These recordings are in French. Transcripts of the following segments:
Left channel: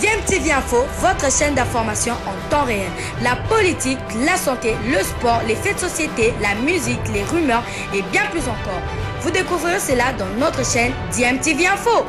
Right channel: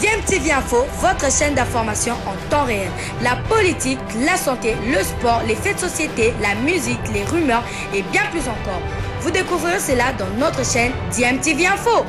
DMTV Info, votre chaîne d'information en temps réel. La politique, la santé, le sport, les faits de société, la musique, les rumeurs et bien plus encore. Vous découvrirez cela dans notre chaîne DMTV Info.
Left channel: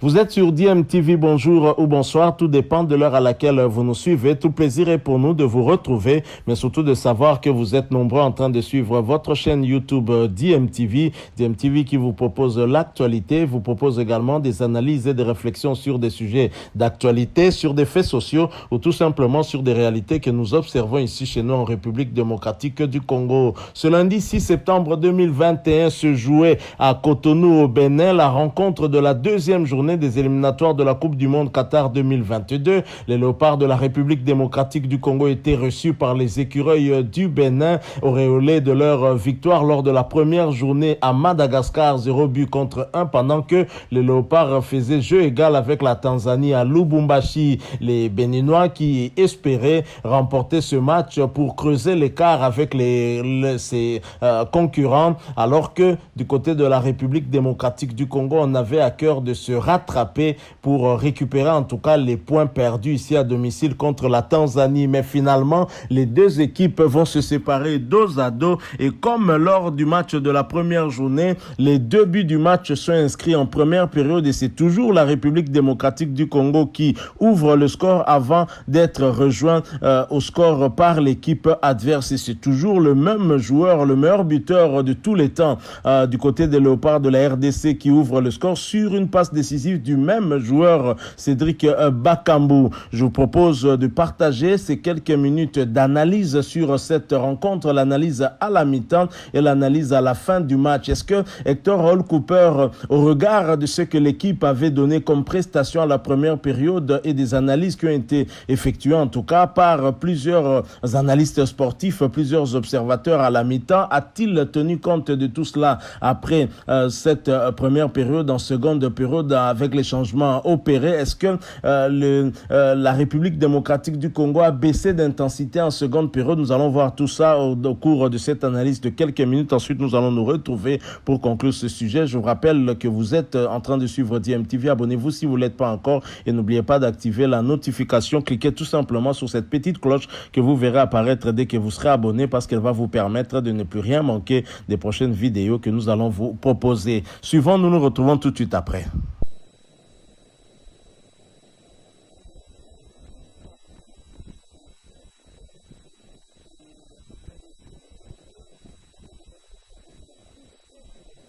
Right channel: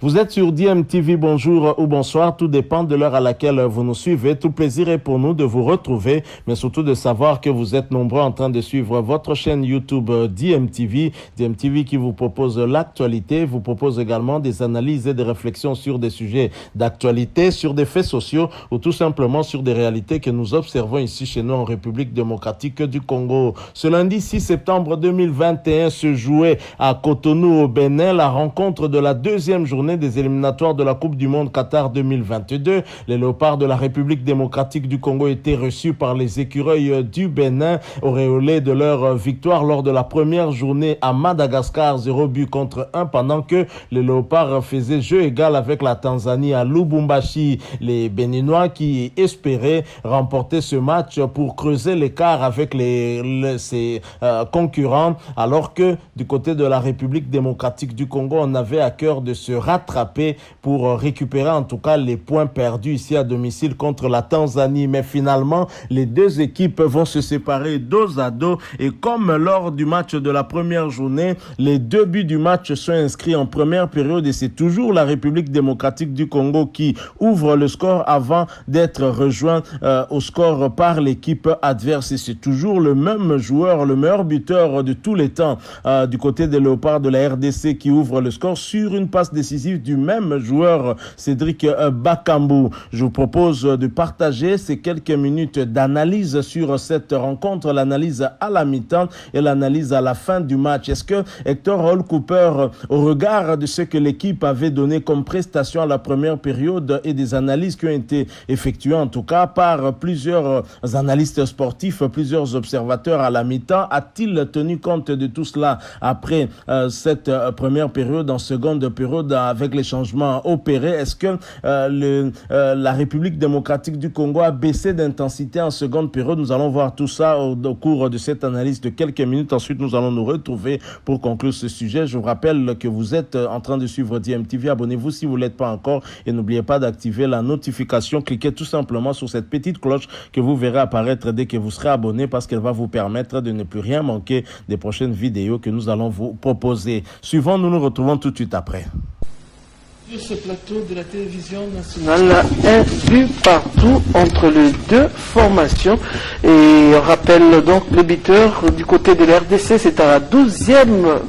Vous êtes sur DMTV, bonjour ou bonsoir, tout dépend de l'heure à laquelle vous nous suivez. Tout plaisir est pour nous de vous retrouver, mais surtout de savoir que vous êtes nombreux en train de suivre votre chaîne YouTube DMTV. DMTV qui vous propose l'actualité, vous propose également des analyses et des réflexions sur des sujets d'actualité, sur des faits sociaux ou tout simplement sur des réalités que nous observons ici chez nous en République démocratique du Congo. Ce lundi 6 septembre 2021 se jouait à Cotonou au Bénin la rencontre de la deuxième journée des éliminatoires de la Coupe du Monde Qatar 2022. Les léopards de la République démocratique du Congo étaient reçus par les écureuils du Bénin, auréolés de leur victoire lors de la première journée à Madagascar, 0 but contre 1, pendant que les léopards faisaient jeu égal avec la Tanzanie à Lubumbashi. Les Béninois qui espéraient remporter ce match pour creuser l'écart avec ses concurrents, alors que du côté de la République démocratique du Congo, on avait à cœur de se rattraper pour récupérer en tout cas les points perdus ici à domicile contre la Tanzanie. Mais finalement, les deux équipes vont se séparer dos à dos et comme lors du match de la première journée, les 2 buts du match sont inscrits en première période et c'est toujours la République démocratique du Congo qui ouvre le score avant d'être rejoint au score par l'équipe adverse. Et c'est toujours le même joueur, le meilleur buteur de tous les temps du côté des léopards de la RDC qui ouvre le score sur une passe décisive du même joueur, Cédric Bakambu. Je vous propose de partager ces quelques minutes d'analyse sur cette rencontre, l'analyse à la mi-temps et l'analyse à la fin du match. Est-ce que Hector Hall Cooper, au regard de ce que l'équipe avait donné comme prestation à la première période et des analyses qui ont été effectuées en tout cas par plusieurs analystes sportifs, plusieurs observateurs à la mi-temps, a-t-il tenu compte de tout cela après cette première période, en seconde période avec les changements opérés? Est-ce que la République démocratique du Congo a baissé d'intensité en seconde période? Nous allons voir tout ça au cours de cette analyse de quelques minutes. Ensuite, nous allons nous retrouver pour conclure ce sujet. Je vous rappelle que vous êtes en train de suivre DMTV. Abonnez-vous si vous ne l'êtes pas encore et n'oubliez pas d'activer la notification. Cliquez tout simplement sur cette petite cloche que vous verrez apparaître dès que vous serez abonné parce qu'elle va vous permettre de ne plus rien manquer des prochaines vidéos que nous allons vous proposer. Suivant, nous nous retrouvons tout de suite après. Sur ce plateau de la télévision nationale, un but partout entre les deux formations. Et on rappelle donc le buteur du côté de l'RDC, c'est à la 12e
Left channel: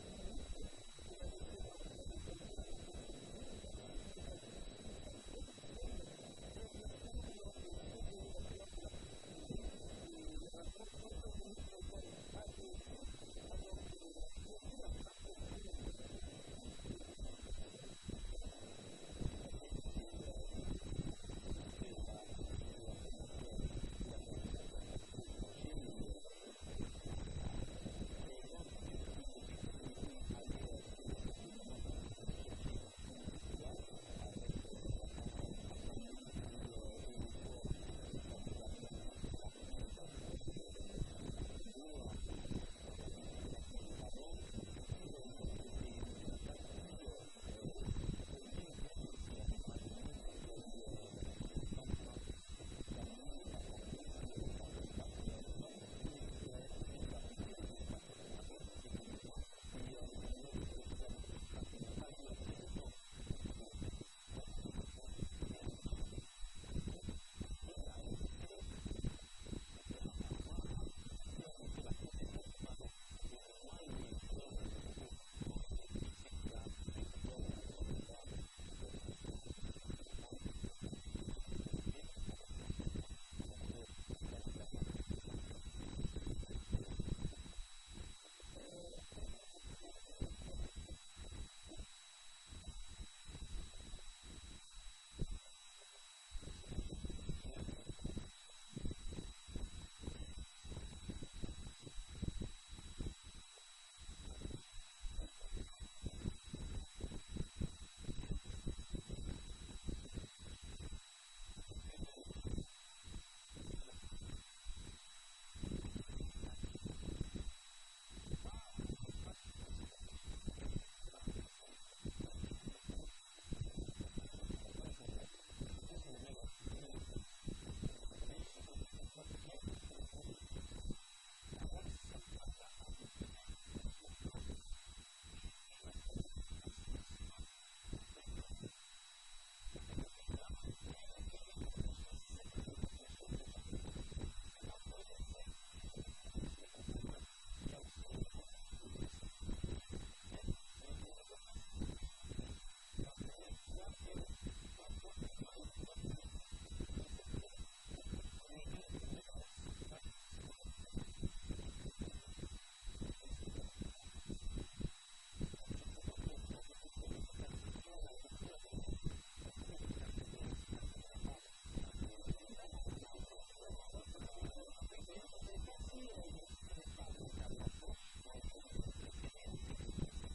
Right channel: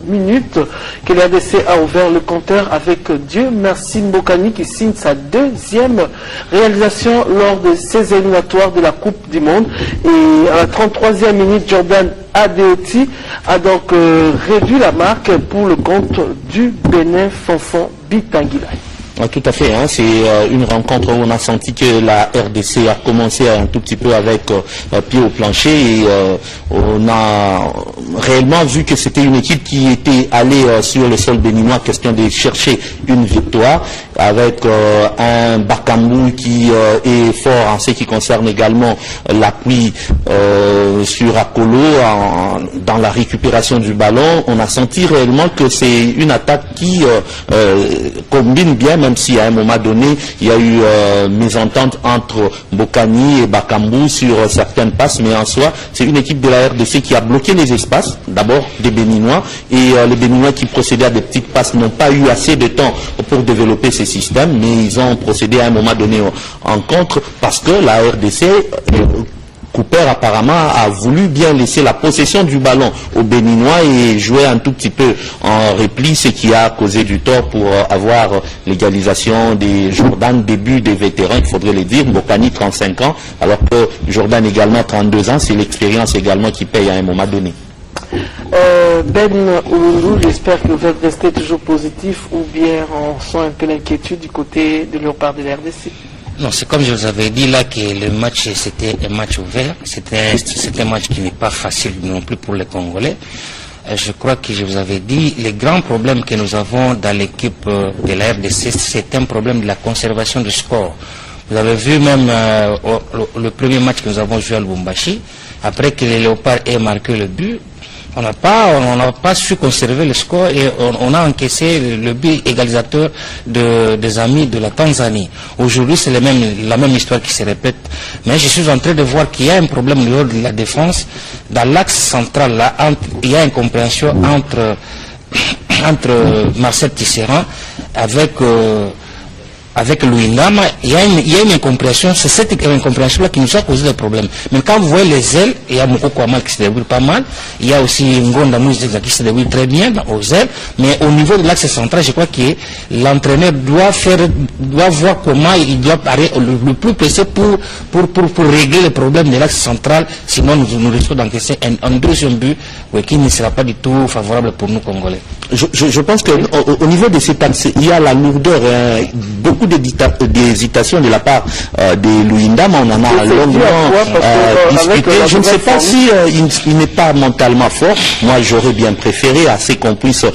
minute que l'RDC a ouvert le compteur avec Dieu merci Mbokani qui signe sa 2e réalisation lors de ces éliminatoires de la Coupe du Monde. Et à la 33e minute, Jordan Adeoti a donc réduit la marque pour le compte du Bénin Fonfon Bitangila. Tout à fait, hein. C'est une rencontre où on a senti que la RDC a commencé un tout petit peu avec pied au plancher et on a réellement vu que c'était une équipe qui était allée sur le sol béninois, question de chercher une victoire avec un Bakambu qui est fort en ce qui concerne également l'appui sur Akolo dans la récupération du ballon. On a senti réellement que c'est une attaque qui combine bien, même si à un moment donné il y a eu mésentente entre Mbokani et Bakambu sur certaines passes, mais en soi c'est une équipe de la RDC qui a bloqué les espaces, d'abord des Béninois, et les Béninois qui procédaient à des petites passes n'ont pas eu assez de temps pour développer ces systèmes, mais ils ont procédé à un moment donné en contre parce que la RDC Cooper apparemment a voulu bien laisser la possession du ballon aux Béninois et jouer un tout petit peu en repli, ce qui a causé du tort pour avoir l'égalisation des Jordan, début des vétérans, il faudrait le dire. Mbokani 35 ans, alors que Jordan également 32 ans, c'est l'expérience également qui paye à un moment donné. Ben Oulou, j'espère que vous êtes resté toujours positif ou bien on sent un peu l'inquiétude du côté de léopard de la RDC. Non, c'est comme je vous avais dit là que le match c'était un match ouvert, c'était un match qui n'est pas facile non plus pour les Congolais. Je crois que je vous avais dit, les grands problèmes que nous avons dans l'équipe de la RDC, c'est un problème de la conservation du score. Vous avez vu même le premier match que nous avons joué à Lubumbashi, après que les Léopards aient marqué le but, on n'a pas su conserver le score et on a encaissé le but égalisateur des amis de la Tanzanie. Aujourd'hui, c'est la même histoire qui se répète. Mais je suis en train de voir qu'il y a un problème au niveau de la défense. Dans l'axe central, là, il y a une compréhension entre Marcel Tisserand avec Louis Ndama, il y a une incompréhension, c'est cette incompréhension-là qui nous a causé des problèmes. Mais quand vous voyez les ailes, il y a Mokoko Amal qui se débrouille pas mal, il y a aussi Ngonda Mouizeza qui se débrouille très bien aux ailes, mais au niveau de l'axe central, je crois que l'entraîneur doit voir comment il doit parler le plus pressé pour régler le problème de l'axe central, sinon nous risquons d'encaisser un deuxième but qui ne sera pas du tout favorable pour nous Congolais. Je pense qu'au niveau de cet axe, il y a la lourdeur, beaucoup d'hésitation de la part de Louis Ndama, on en a longuement discuté. Je ne sais pas si il n'est pas mentalement fort. Moi, j'aurais bien préféré assez qu'on puisse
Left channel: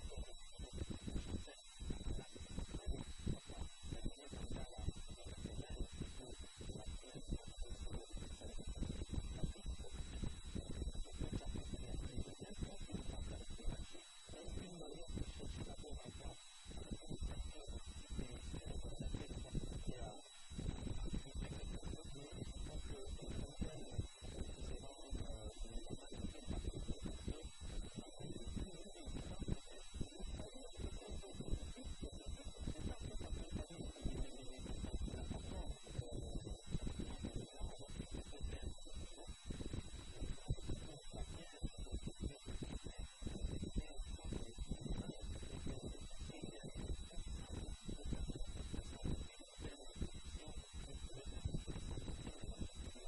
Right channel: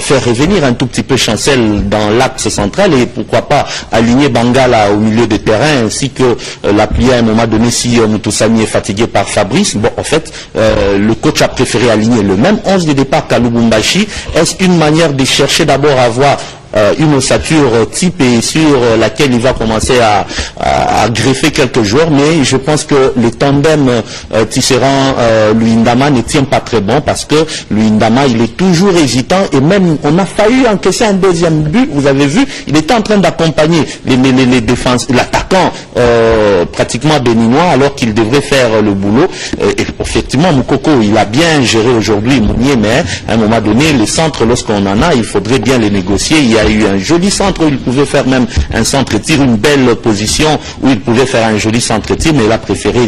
faire revenir un tout petit peu Chancel dans l'axe central et pourquoi pas aligner Bangala au milieu de terrain ainsi que l'appuyer à un moment donné si Moutoussani est fatigué par Fabrice. Bon, en fait, le coach a préféré aligner le même 11 de départ qu'à Lubumbashi. Est-ce une manière de chercher d'abord à avoir une ossature type et sur laquelle il va commencer à greffer quelques joueurs, mais je pense que le tandem Tisserand-Louis Ndama ne tient pas très bon parce que Louis Ndama il est toujours hésitant et même on a failli encaisser un deuxième but, vous avez vu, il était en train d'accompagner les défenses, l'attaquant pratiquement béninois alors qu'il devrait faire le boulot et effectivement Moukoko il a bien géré aujourd'hui Mounier, mais à un moment donné les centres lorsqu'on en a il faudrait bien les négocier. Il y a eu un joli centre où il pouvait faire même un centre-tir, une belle position où il pouvait faire un joli centre-tir, mais il a préféré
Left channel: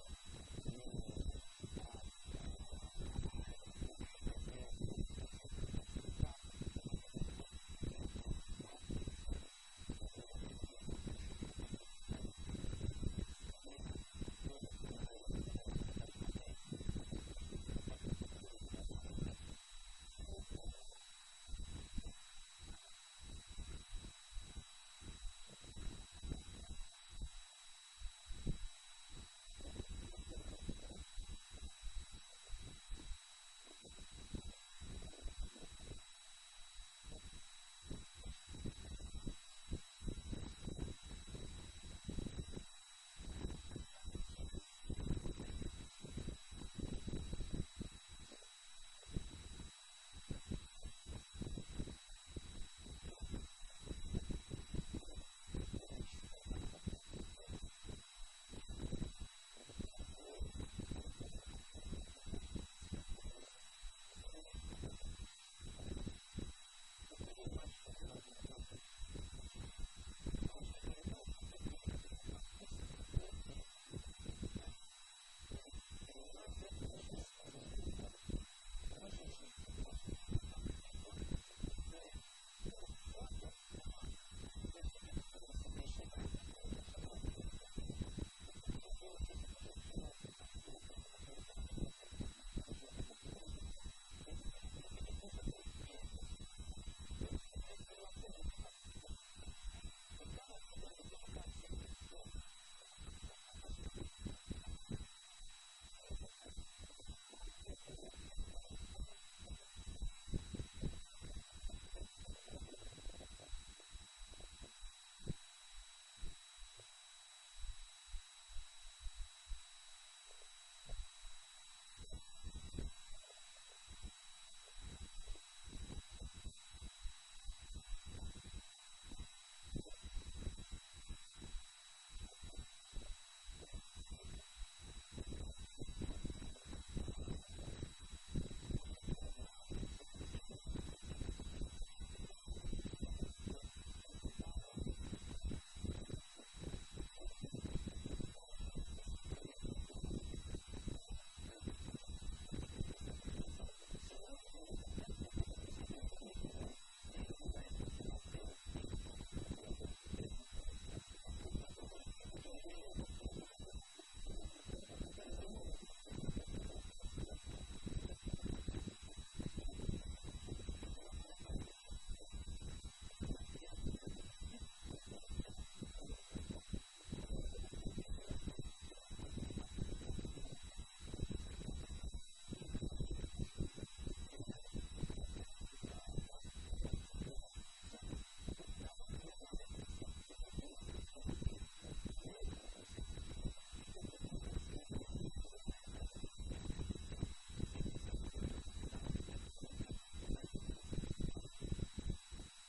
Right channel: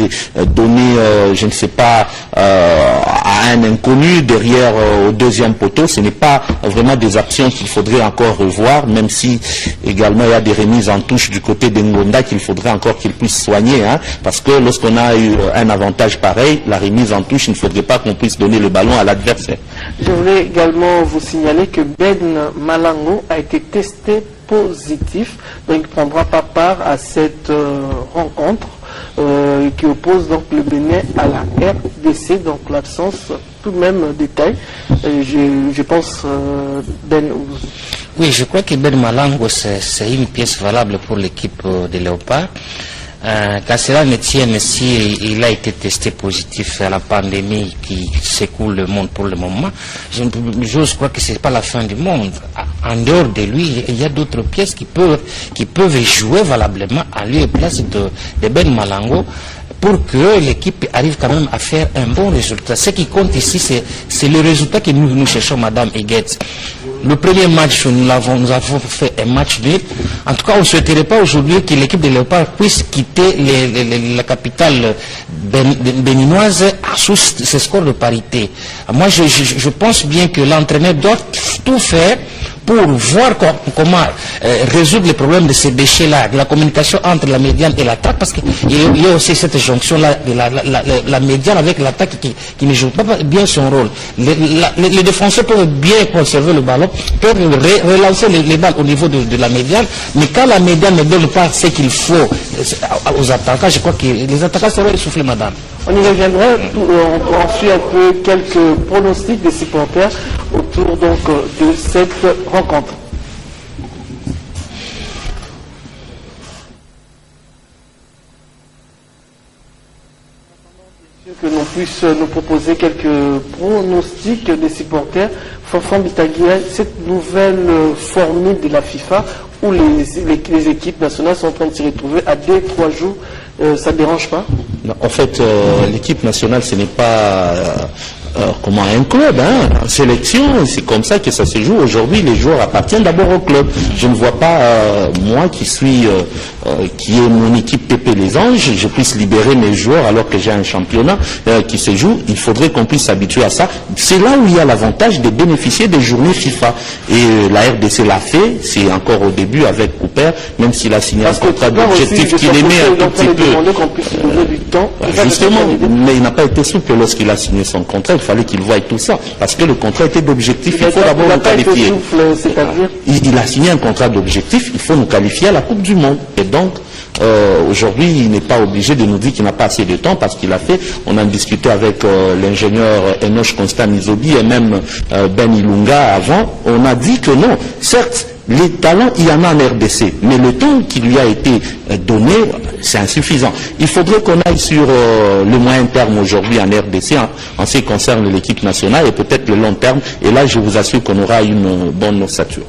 donner, je ne sais pas, à un inconnu derrière au deuxième poteau. Ce n'est pas vraiment des actions qu'il faudrait encore revoir, même si également il y a des remises en touche du côté d'Ngonda qu'il faudrait encore qu'il puisse soigner, hein, parce que lorsqu'on a eu un avantage pareil, la remise en touche, il ne faudrait pas qu'on puisse donner le ballon à l'adversaire. Je voulais également vous signaler que Ben Malango a été testé positif, donc il ne prendra pas part à cette rencontre qui oppose donc le Bénin à la RDC, donc l'absence tout de même détail. Je pense Ben. Oui, je crois que Ben Malango c'est une pièce valable pour l'équipe des Léopards. Qu'à cela ne tienne, si il a été testé positif à la pandémie qui secoue le monde pour le moment, je crois que ce n'est pas la fin du monde. En dehors de lui, il y a d'autres pièces qui peuvent jouer valablement à lieu et place de Ben Malango pour que l'équipe arrive quand même à faire un bon résultat. Ce qui compte ici, c'est le résultat que nous cherchons, Madame Eguetz. Le premier match, nous avons fait un match nul. En tout cas, on ne souhaiterait pas aujourd'hui que l'équipe de Léopard puisse quitter la capitale béninoise sous ce score de parité. Moi, je pense bien que l'entraîneur doit tout faire pour voir comment résoudre les problèmes de ces déchets-là, de la communication entre la médiane et l'attaque, parce qu'il y a aussi cette jonction-là de la médiane avec l'attaque qui ne joue pas bien son rôle. Les défenseurs peuvent bien conserver le ballon, peuvent relancer les balles au niveau de la médiane, mais quand la médiane ne donne pas ce qu'il faut aux attaquants, je crois que les attaquants seront essoufflés, madame. On y reviendra, on suit un peu quelques pronostics des supporters autour donc de cette rencontre. Que l'on puisse nous proposer quelques pronostics des supporters. Fanfan Bitaguia, cette nouvelle formule de la FIFA où les équipes nationales sont en train de se retrouver à 2-3 jours, ça ne dérange pas? Non, en fait, l'équipe nationale, ce n'est pas comment un club, hein, en sélection, c'est comme ça que ça se joue. Aujourd'hui, les joueurs appartiennent d'abord au club. Je ne vois pas, moi qui est mon équipe Pépé les Anges, je puisse libérer mes joueurs alors que j'ai un championnat qui se joue. Il faudrait qu'on puisse s'habituer à ça. C'est là où il y a l'avantage de bénéficier des journées FIFA. Et la RDC l'a fait, c'est encore au début avec Cooper, même s'il a signé un contrat d'objectif qu'il aimait un tout petit peu. Justement, mais il n'a pas été souple lorsqu'il a signé son contrat. Il fallait qu'il voie tout ça, parce que le contrat était d'objectif, il faut d'abord nous qualifier. Il a signé un contrat d'objectif, il faut nous qualifier à la Coupe du Monde. Et donc, aujourd'hui, il n'est pas obligé de nous dire qu'il n'a pas assez de temps parce qu'il a fait. On a discuté avec l'ingénieur Enoch Constant Mizobi et même Ben Ilunga avant. On a dit que non, certes, les talents, il y en a en RDC, mais le temps qui lui a été donné, c'est insuffisant. Il faudrait qu'on aille sur le moyen terme aujourd'hui en RDC, en ce qui concerne l'équipe nationale, et peut-être le long terme, et là, je vous assure qu'on aura une bonne ossature.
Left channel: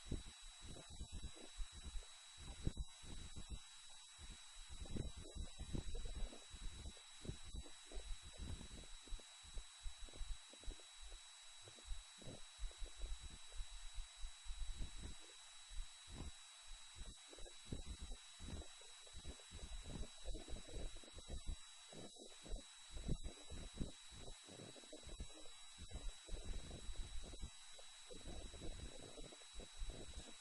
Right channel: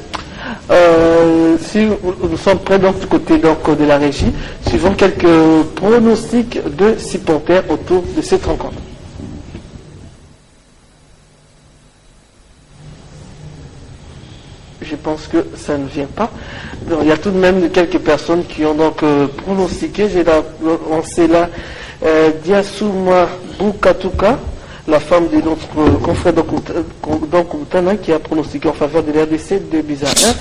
Si nous sommes prêts donc, du côté donc, de la régie, suivons quelques pronostics de supporters autour de cette rencontre. Je pense que ça ne vient pas. Donc, il y a tout de même quelques personnes qui ont donc pronostiqué. J'ai lancé là Diassouma Boukatouka, la femme de notre confrère Dokoutana, qui a pronostiqué en faveur de l'RDC de buts à 1.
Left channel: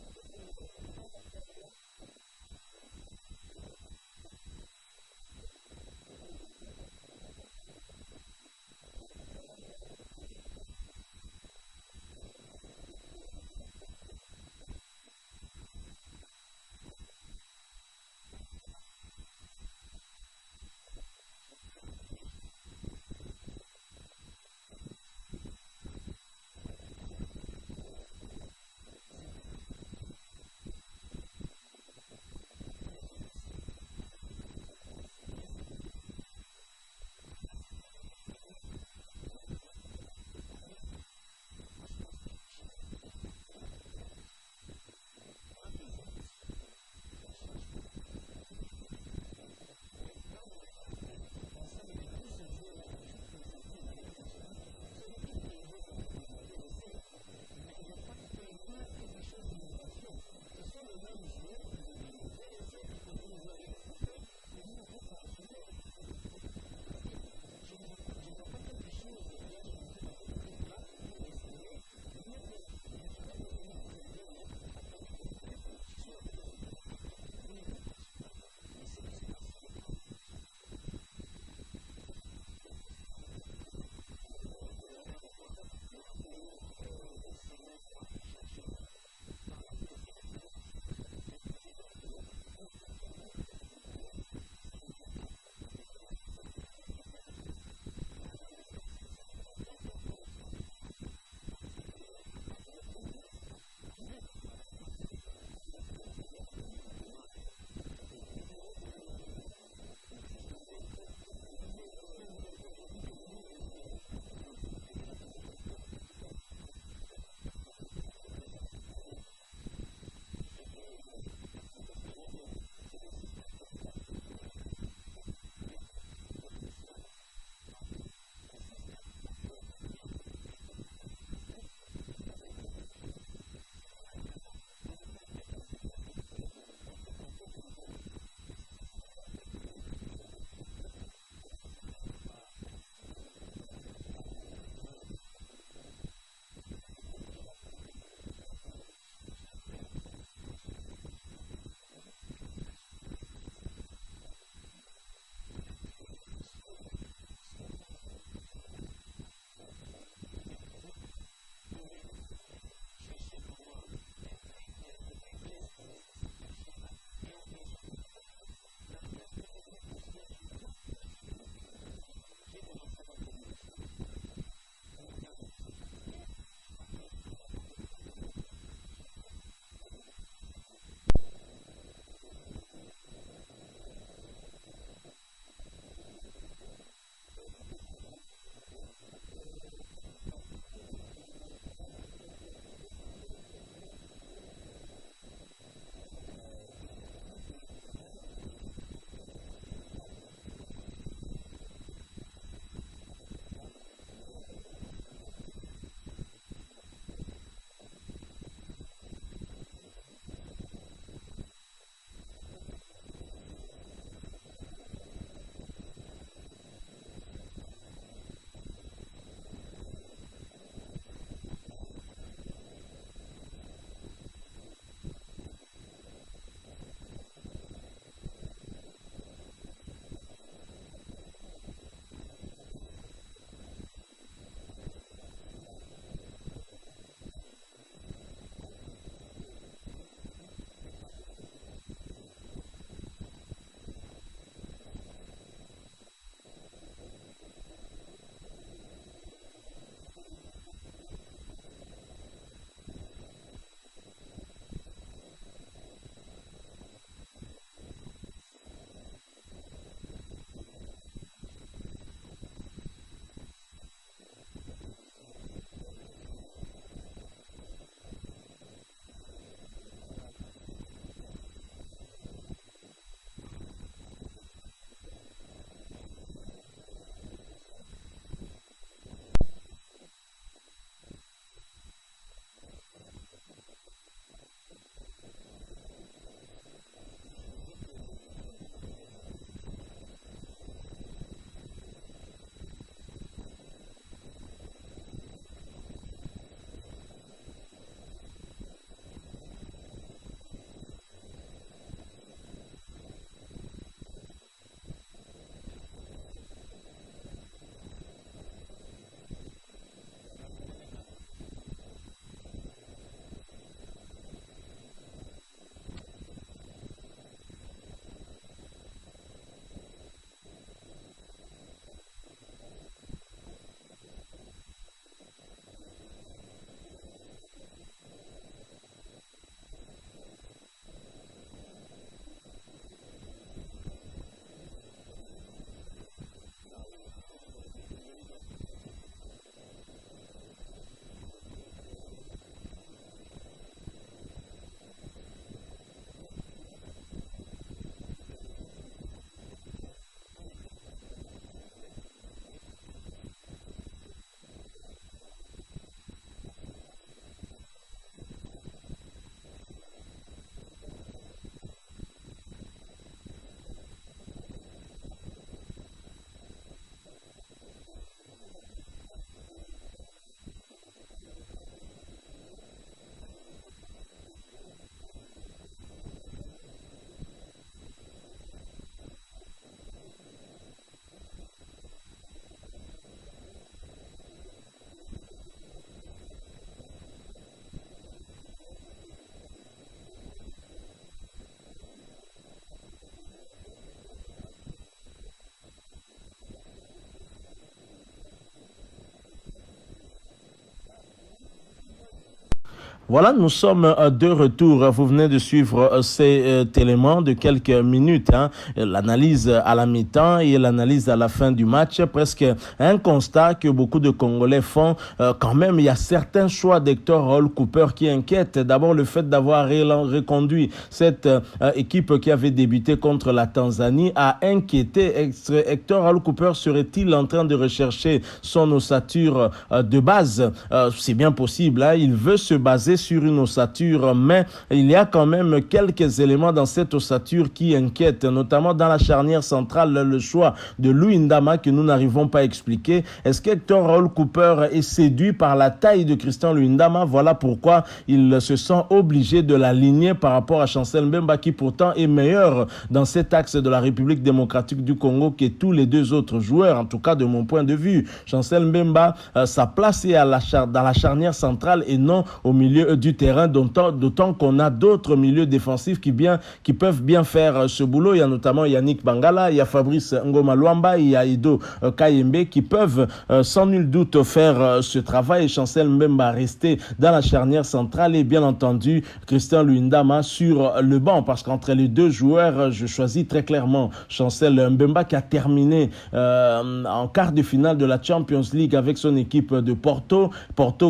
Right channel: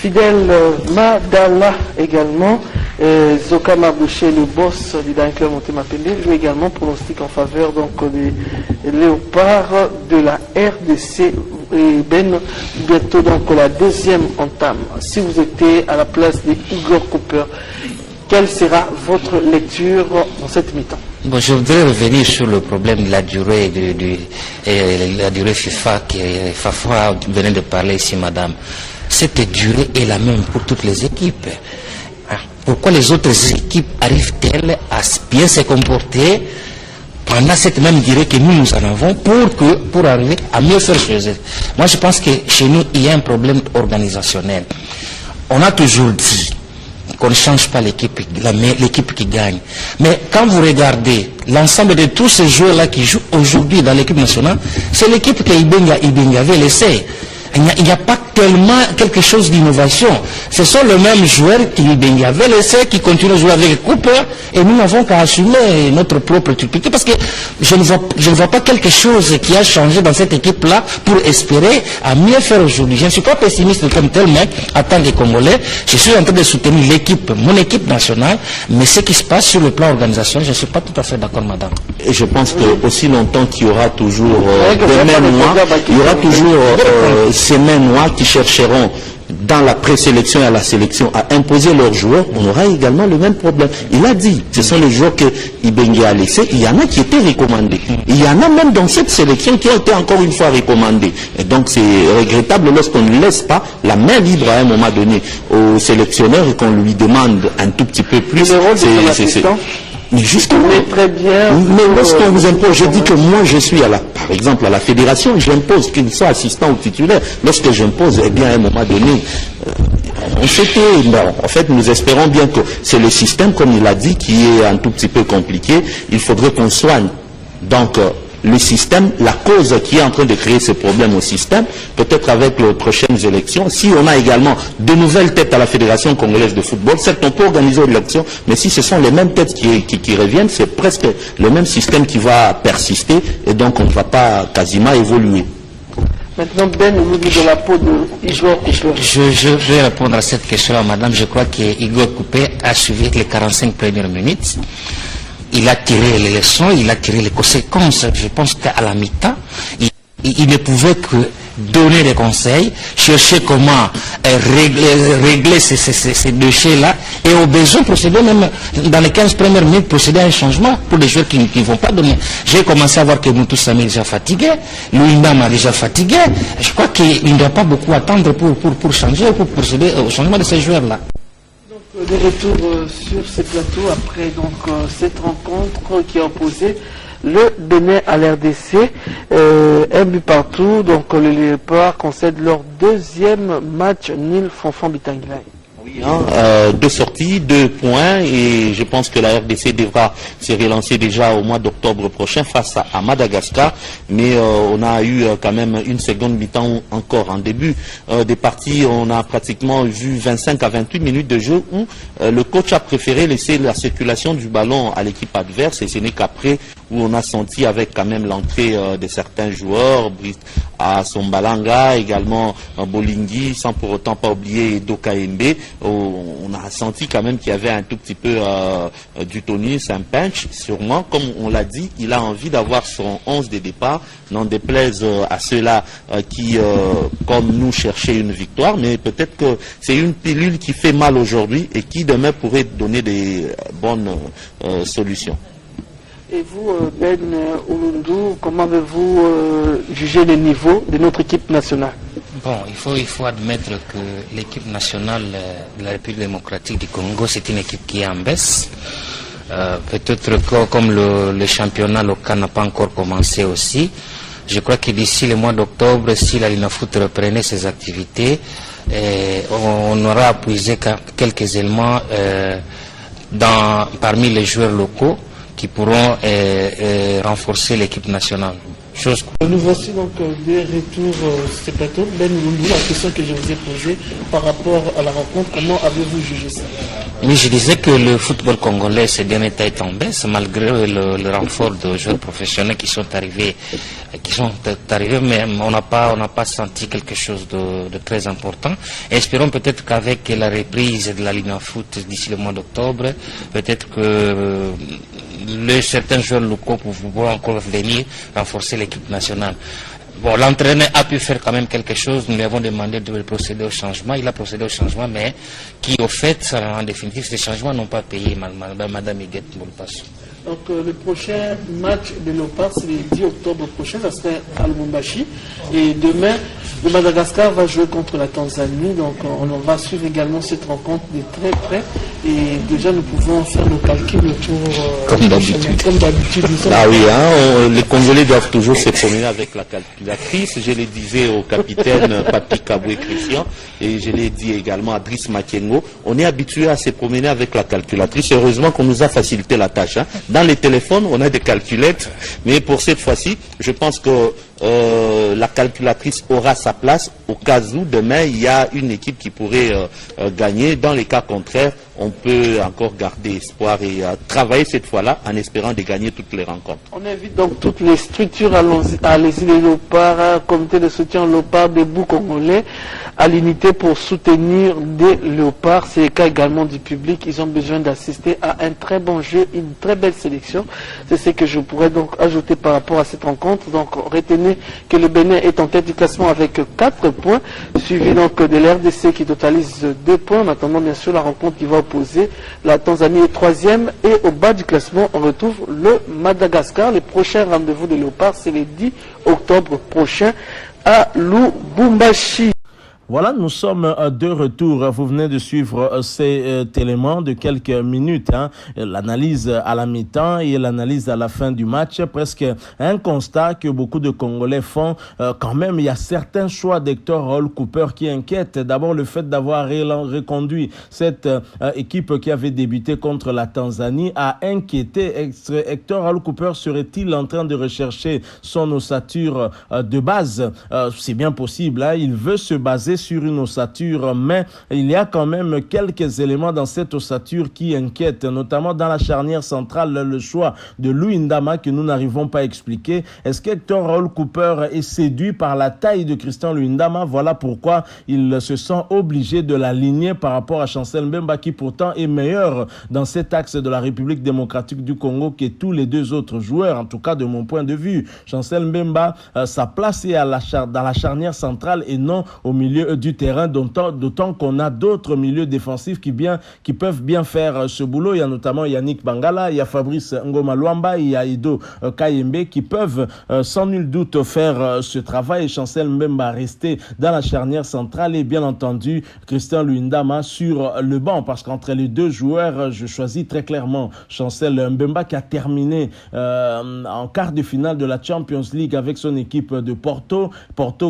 Fidèle Madala également, Zoka Mabouché, le boss du Dan Club Montemapende, lui également pronostique en faveur donc, des Léopards de la RDC. Et Ben, bientôt donc la deuxième entame. Si vous étiez à la place de Igor Cooper, quelle sera votre lecture dans cette mi-temps? Bon, je voudrais revenir sur le problème de la durée la durée FIFA que Fafa venait de parler ici, madame. Cette durée est la même pour toutes les équipes. Pourquoi les autres équipes arrivent-elles à bien se comporter pendant cette même durée que nous en avons pour arriver à mieux faire chez eux? Moi, je pense que chez nous, il y a un problème organisationnel. On a toujours dit qu'on ne change pas l'équipe qui gagne. Mais quand vous regardez l'ensemble de tous ces joueurs-là qui jouent aujourd'hui dans l'équipe nationale, c'est l'équipe que Ibenga avait laissée. Il n'y a pas tellement quelque chose d'innovation. Ce sont les mêmes joueurs qui avaient laissé, qui continuent à jouer avec Cooper, et nous n'avons qu'à assumer notre propre utilité, parce que je ne vois pas quelque chose qui a changé dans cette équipe-là pour espérer à mieux faire aujourd'hui. Je ne suis pas pessimiste comme tel, mais en tant que Congolais, je suis en train de soutenir l'équipe, mon équipe nationale, mais ce qui se passe sur le plan organisationnel, je ne suis pas tout à fait d'accord, madame. Et je pense que aussi longtemps qu'il y aura toujours des mêmes mois, il y aura toujours ces mêmes mois qui chercheront dans la présélection et à la sélection à imposer leurs joueurs, on aura également le même problème. Il a dit, ce sont les joueurs que Ibenga a laissés, il y en a qui étaient recommandés. Il y en a même dans cette sélection qui ont été encore une fois recommandés. Et donc c'est regrettable lorsqu'on ne laisse pas la main libre à un moment donné au sélectionneur et qu'on lui demande un tout petit peu plus. Mais justement, très bien. Mais lorsqu'on vous impose, je dis que moi je suis par exemple à la fédération, j'impose qu'il soit assistant ou titulaire. Lorsque j'impose, eh bien à un moment donné, en fait nous espérons bien que c'est le système, comme il a dit, qui est un tout petit peu compliqué. Il faudrait qu'on soigne donc le système, la cause qui est en train de créer ce problème au système, peut-être avec les prochaines élections. Si on a également de nouvelles têtes à la Fédération congolaise de football, certes on peut organiser une élection, mais si ce sont les mêmes têtes qui reviennent, c'est presque le même système qui va persister et donc on ne va pas quasiment évoluer. Maintenant, Ben, vous dites de la peau de Igor Cooper. Je vais répondre à cette question-là, madame. Je crois que Igor Cooper a suivi les 45 premières minutes. Il a tiré les leçons, il a tiré les conséquences. Je pense qu'à la mi-temps, il ne pouvait que donner des conseils, chercher comment régler ces déchets-là, et au besoin procéder même dans les 15 premières minutes, procéder à un changement pour les joueurs qui ne vont pas donner. J'ai commencé à voir que Moutou Samy est déjà fatigué, Louis Ndam est déjà fatigué. Je crois qu'il ne doit pas beaucoup attendre pour changer, pour procéder au changement de ces joueurs-là. De retour sur ces plateaux après donc cette rencontre qui a opposé le Bénin à l'RDC, un but partout, donc les Léopards concèdent leur deuxième match nul Fonfon Bitangilai. Oui, deux sorties, 2 points, et je pense que la RDC devra se relancer déjà au mois d'octobre prochain face à Madagascar, mais on a eu quand même une seconde mi-temps encore en début des parties. On a pratiquement vu 25 à 28 minutes de jeu où le coach a préféré laisser la circulation du ballon à l'équipe adverse, et ce n'est qu'après où on a senti avec quand même l'entrée de certains joueurs, à Sombalanga, également Bolingui, sans pour autant pas oublier Doka Mbe, on a senti quand même qu'il y avait un tout petit peu du tonus, un punch, sûrement. Comme on l'a dit, il a envie d'avoir son 11 de départ, n'en déplaise à ceux-là qui, comme nous, cherchaient une victoire, mais peut-être que c'est une pilule qui fait mal aujourd'hui et qui demain pourrait donner des bonnes solutions. Et vous, Ben Oulundou, comment avez-vous jugé le niveau de notre équipe nationale? Bon, il faut admettre que l'équipe nationale de la République démocratique du Congo, c'est une équipe qui est en baisse. Peut-être que comme le championnat local n'a pas encore commencé aussi, je crois que d'ici le mois d'octobre, si la Linafoot reprenait ses activités, on aura puisé quelques éléments parmi les joueurs locaux qui pourront renforcer l'équipe nationale. Nous voici donc des retours sur ce plateau. Ben Oulundou, la question que je vous ai posée par rapport à la rencontre, comment avez-vous jugé ça? Oui, je disais que le football congolais ces derniers temps est en baisse malgré le renfort de joueurs professionnels qui sont arrivés, mais on n'a pas senti quelque chose de très important. Et espérons peut-être qu'avec la reprise de la Linafoot d'ici le mois d'octobre, peut-être que certains joueurs locaux pourront encore venir renforcer l'équipe nationale. Bon, l'entraîneur a pu faire quand même quelque chose. Nous lui avons demandé de procéder au changement. Il a procédé au changement, mais qui, au fait, en définitive, ces changements n'ont pas payé, Madame Iguette Moulpassou. Donc le prochain match de Léopard, c'est le 10 octobre prochain, ça sera à Lubumbashi. Et demain, le Madagascar va jouer contre la Tanzanie. Donc on va suivre également cette rencontre de très près. Et déjà, nous pouvons faire le calcul autour... Comme d'habitude. Ah oui, hein, les Congolais doivent toujours se promener avec la calculatrice. Je le disais au capitaine Papi Kaboué Christian et je l'ai dit également à Driss Makengo. On est habitué à se promener avec la calculatrice. Heureusement qu'on nous a facilité la tâche. Hein. Dans les téléphones, on a des calculettes, mais pour cette fois-ci, je pense que la calculatrice aura sa place au cas où demain il y a une équipe qui pourrait gagner. Dans les cas contraires, on peut encore garder espoir et travailler cette fois-là en espérant de gagner toutes les rencontres. On invite donc toutes les structures à les îles Léopard, comité de soutien Léopard, des bouts congolais, à l'unité pour soutenir des léopards. C'est le cas également du public. Ils ont besoin d'assister à un très bon jeu, une très belle sélection. C'est ce que je pourrais donc ajouter par rapport à cette rencontre. Donc retenez que le Bénin est en tête du classement avec 4 points, suivi donc de l'RDC qui totalise 2 points. En attendant bien sûr la rencontre qui va opposer la Tanzanie est 3e et au bas du classement on retrouve le Madagascar. Le prochain rendez-vous de léopards c'est le 10 octobre prochain à Lubumbashi. Voilà, nous sommes de retour. Vous venez de suivre cet élément de quelques minutes. Hein. L'analyse à la mi-temps et l'analyse à la fin du match. Presque un constat que beaucoup de Congolais font. Quand même, il y a certains choix d'Hector Raoul Cooper qui inquiètent. D'abord, le fait d'avoir reconduit cette équipe qui avait débuté contre la Tanzanie a inquiété. Hector Raoul Cooper serait-il en train de rechercher son ossature de base? C'est bien possible. Hein. Il veut se baser sur une ossature, mais il y a quand même quelques éléments dans cette ossature qui inquiètent, notamment dans la charnière centrale, le choix de Luindama que nous n'arrivons pas à expliquer. Est-ce qu'Hector Raoul Cooper est séduit par la taille de Christian Luindama? Voilà pourquoi il se sent obligé de l'aligner par rapport à Chancel Mbemba qui pourtant est meilleur dans cet axe de la République démocratique du Congo que tous les deux autres joueurs, en tout cas de mon point de vue. Chancel Mbemba, sa place est dans la charnière centrale et non au milieu du terrain, d'autant qu'on a d'autres milieux défensifs qui peuvent bien faire ce boulot. Il y a notamment Yannick Bangala, il y a Fabrice Ngoma Luamba, il y a Ido Kayembe qui peuvent sans nul doute faire ce travail. Et Chancel Mbemba rester dans la charnière centrale et bien entendu Christian Luindama sur le banc, parce qu'entre les deux joueurs, je choisis très clairement Chancel Mbemba qui a terminé en quart de finale de la Champions League avec son équipe de Porto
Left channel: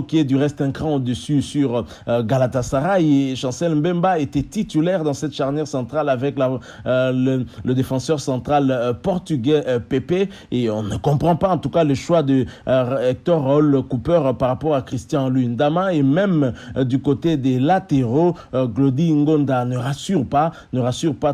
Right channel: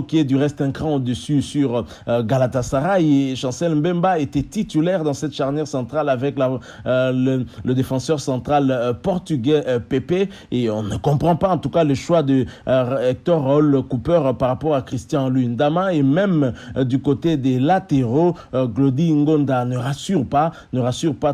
qui est du reste un cran au-dessus sur Galatasaray. Et Chancel Mbemba était titulaire dans cette charnière centrale avec le défenseur central portugais Pepe, et on ne comprend pas en tout cas le choix de Hector Raoul Cooper par rapport à Christian Luindama. Et même du côté des latéraux, Glody Ngonda ne rassure pas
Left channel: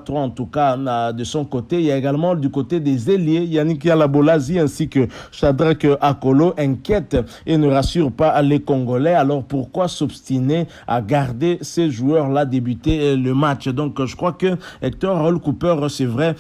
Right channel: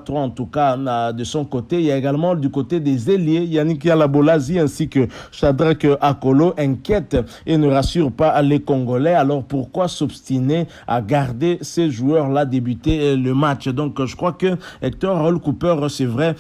trop en tout cas de son côté. Il y a également du côté des ailiers Yannick Yalabolazi ainsi que Shadrack Akolo inquiète et ne rassure pas les Congolais. Alors pourquoi s'obstiner obstiné à garder ces joueurs-là débuter le match. Donc je crois que Hector Raoul Cooper, c'est vrai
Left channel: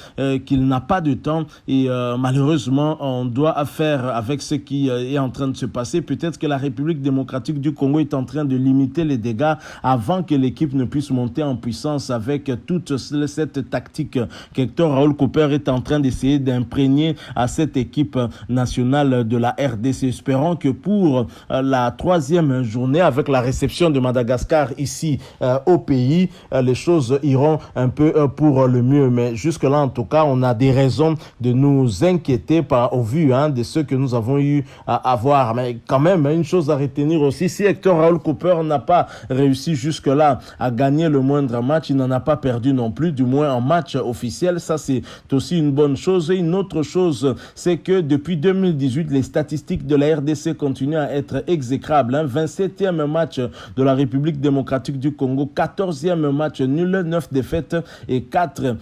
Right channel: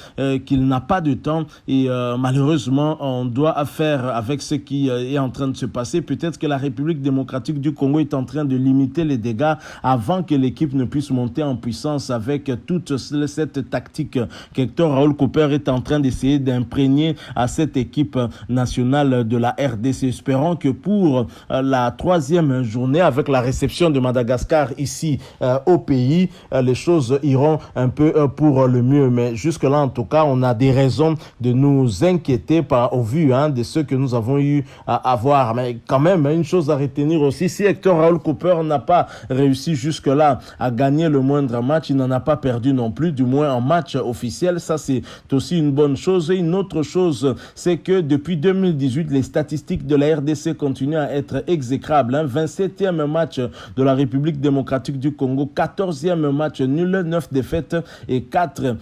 qu'il n'a pas de temps et malheureusement on doit faire avec ce qui est en train de se passer. Peut-être que la République démocratique du Congo est en train de limiter les dégâts avant que l'équipe ne puisse monter en puissance avec toute cette tactique qu'Hector Raoul Cooper est en train d'essayer d'imprégner à cette équipe nationale de la RDC. Espérons que pour la troisième journée, avec la réception de Madagascar ici au pays, les choses iront un peu pour le mieux. Mais jusque-là, en tout cas, on a des raisons de nous inquiéter au vu de ce que nous avons eu à voir. Mais quand même, une chose à retenir aussi, si Hector Raoul Cooper n'a pas réussi jusque-là à gagner le moindre match, il n'en a pas perdu non plus, du moins en match officiel. Ça, c'est aussi une bonne chose. Et une autre chose, c'est que depuis 2018, les statistiques de la RDC continuent à être exécrables. 27e match de la République démocratique du Congo, 14e match nul, 9 défaites et 4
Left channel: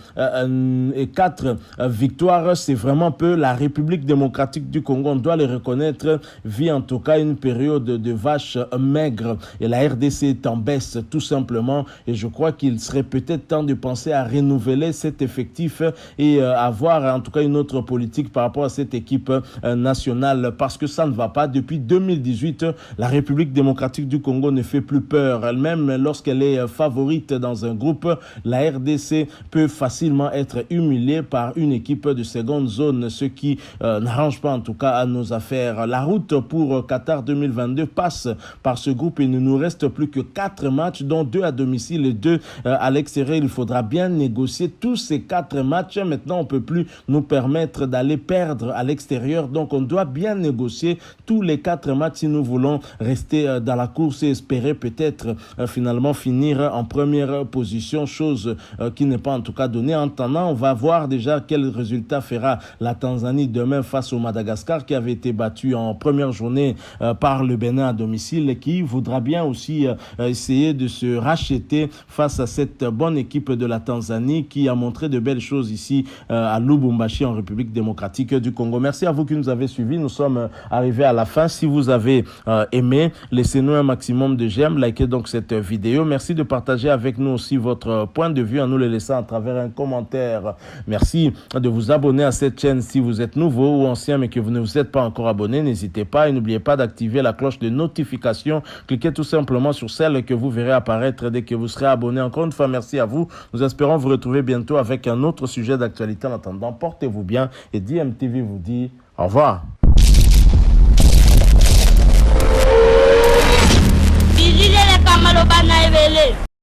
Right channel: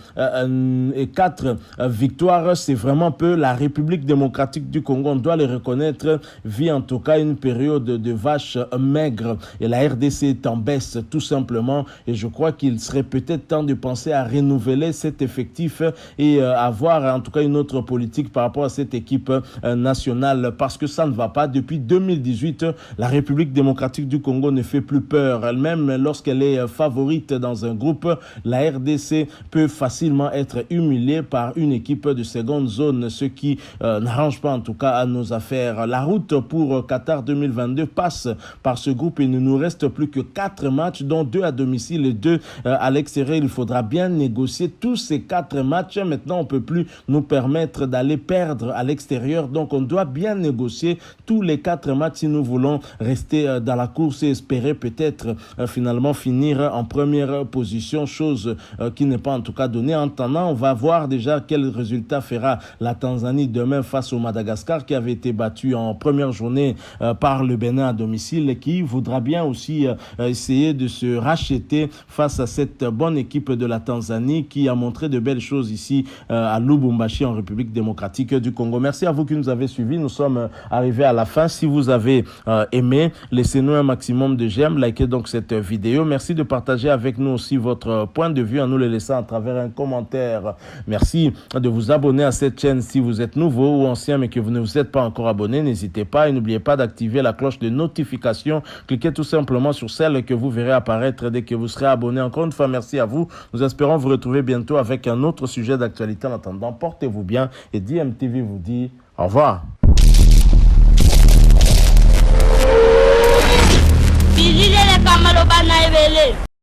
victoires. C'est vraiment peu. La République démocratique du Congo, on doit le reconnaître, vit en tout cas une période de vache maigre. Et la RDC est en baisse tout simplement. Et je crois qu'il serait peut-être temps de penser à renouveler cet effectif et avoir en tout cas une autre politique par rapport à cette équipe nationale, parce que ça ne va pas. Depuis 2018, la République démocratique du Congo ne fait plus peur. Elle-même, lorsqu'elle est favorite dans un groupe, la RDC peut facilement être humiliée par une équipe de seconde zone, ce qui n'arrange pas en tout cas à nos affaires. La route pour Qatar 2022 passe par ce groupe. Il ne nous reste plus que 4 matchs, dont 2 à domicile et 2 à l'extérieur. Il faudra bien négocier tous ces 4 matchs. Maintenant, on ne peut plus nous permettre d'aller perdre à l'extérieur. Donc, on doit bien négocier tous les 4 matchs si nous voulons rester dans la course et espérer peut-être finalement finir en première position, chose qui n'est pas en tout cas donnée. En attendant, on va voir déjà quel résultat fera la Tanzanie demain face au Madagascar, qui avait été battu en première journée par le Bénin à domicile, et qui voudra bien aussi essayer de se racheter face à cette bonne équipe de la Tanzanie qui a montré de belles choses ici à Lubumbashi en République démocratique du Congo. Merci à vous qui nous avez suivis. Nous sommes arrivés à la fin. Si vous avez aimé, laissez-nous un maximum de j'aime, likez donc cette vidéo. Merci de partager avec nous aussi votre point de vue en nous le laissant à travers un commentaire. Merci de vous abonner à cette chaîne si vous êtes nouveau ou ancien mais que vous ne vous êtes pas encore abonné. N'hésitez pas et n'oubliez pas d'activer la cloche de notification. Cliquez tout simplement sur celle que vous verrez apparaître dès que vous serez abonné. Encore une fois, merci à vous. Nous espérons vous retrouver bientôt avec un autre sujet d'actualité. En attendant, portez-vous bien et DMTV vous dit au revoir.